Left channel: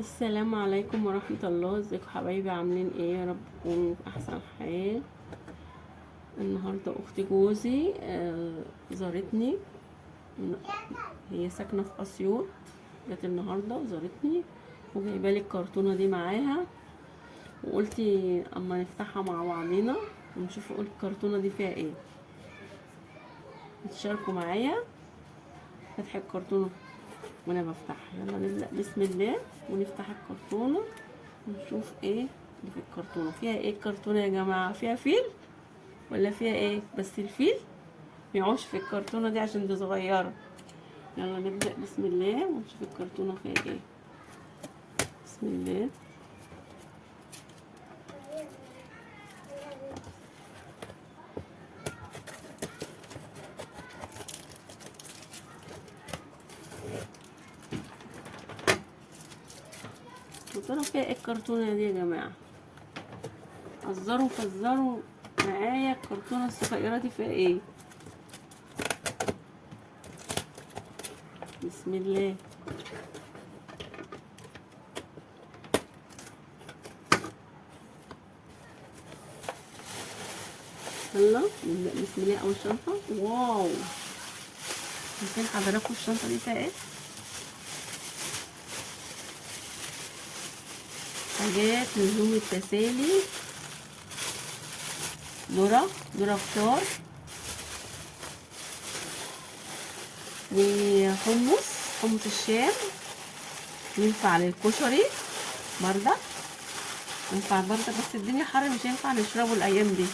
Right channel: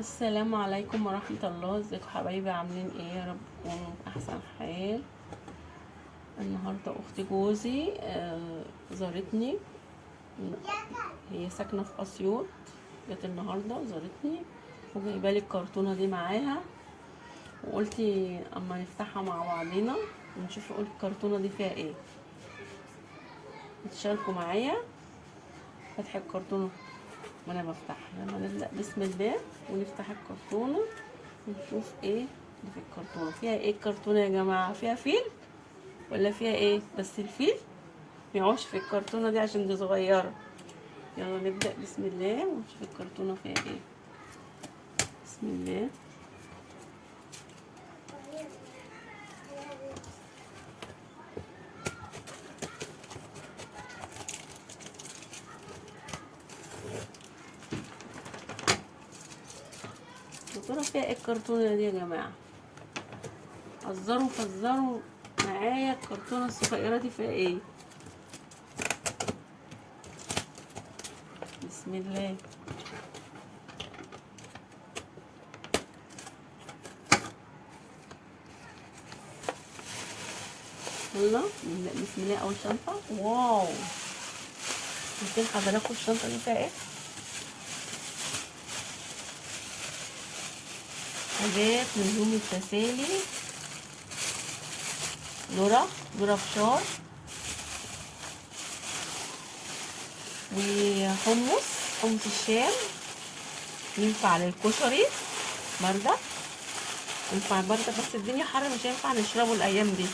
السلام عليكم ورحمة الله. ازيكم حبايبي؟ عاملين ايه؟ يا رب تكونوا في احسن حال. النهاردة اختي جوزي زارتني. هي ساكنة في اسيوط، جت النهاردة زارتني وجايبالي الكرتونة دي معاها، وقلتي اما نفتحها مع بعضينا ونشوف الكرتونة دي فيها ايه. تشاركوا معايا فتح الكرتونة وانا بفتحها. يلا نبدأ بسم الله ونفتح الكرتونة ونشوف ايه اللي في الكرتونة. فيها ايه الكرتونة يا جماعة؟ فيها فيل ولا فيها ايه؟ بس الفيل ميعوش في الكرتونة دي عشان دي صغيرة. يلا نبدأ بسم الله ونشوف الكرتونة فيها ايه. بسم الله. يا ترى فيها ايه الكرتونة دي يا جماعة؟ حذروا فزروا معايا، الكرتونة الصغيرة دي فيها ايه؟ بسم الله. يلا نبدأ بسم الله. أول شنطة، واو، شايفين حضراتكم الشنطة دي فيها ايه؟ حاجات لزوم التسالي، ذرة فشار حمص الشام، ينفع للكشري بردة، ينفع بردة بس الدنيا حر مش هينفع نشربه الأيام دي،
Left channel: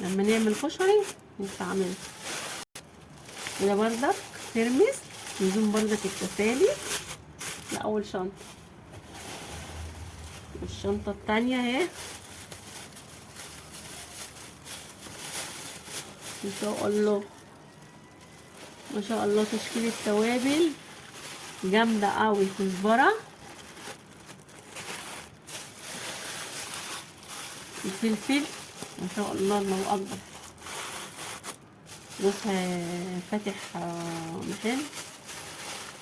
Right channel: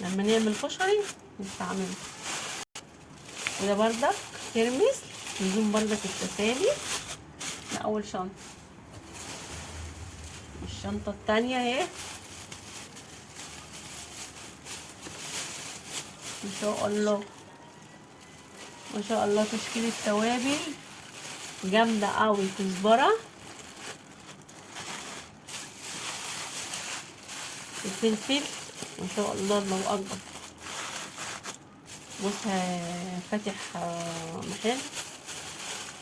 لما نعمل كشري نستعمله. وده بردة ترمس لزوم بردة التسالي. ده أول شنطة. والشنطة التانية اهي ما شاء الله ما شاء الله، تشكيل التوابل جامدة قوي. كزبرة وفلفل ما شاء الله، الله اكبر. بص فاتح محل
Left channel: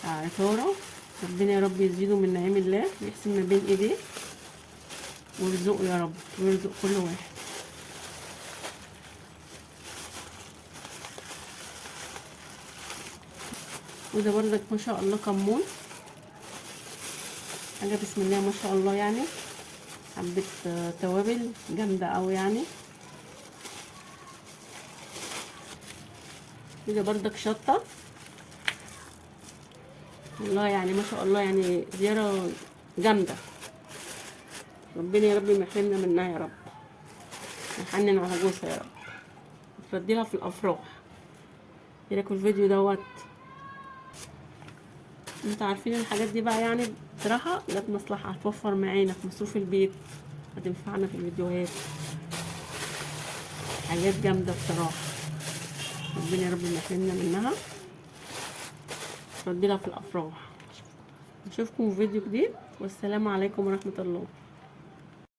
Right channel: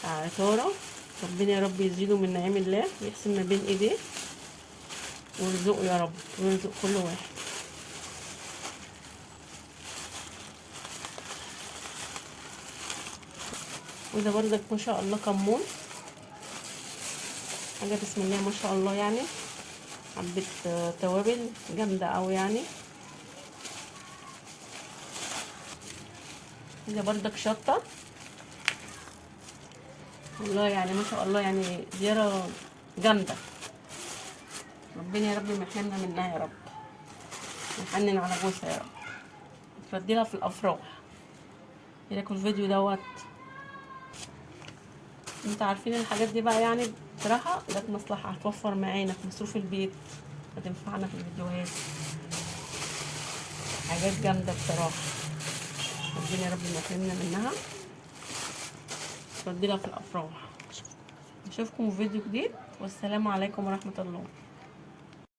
عطارة، ربنا يا رب يزيده من نعيم الله ويحسن ما بين ايديه ويرزقه يا رب ويرزق كل واحد. وده بردك ما شاء الله كمون، حاجة بسم الله ما شاء الله، يعني حبة توابل جامدة اوي يعني. ده بردك شطة والله، يعني ما شاء الله، يعني زيارة جامدة. ربنا يا رب ما يحرمنا منها يا رب، نحنن على جوزها يا رب، ترديها في الافراح. ايه رايكم الفيديو دوت؟ انتوا عارفين الحاجات دي بقى، يعني بصراحه جت مصلحه، هتوفر معانا في مصروف البيت، هتنفعنا في الفيديوهات. حاجات جامده بصراحه، ربنا يا رب ما يحرمنا منها، ترديها في الافراح. نشوفكم في فيديو جديد، والسلام عليكم ورحمه الله.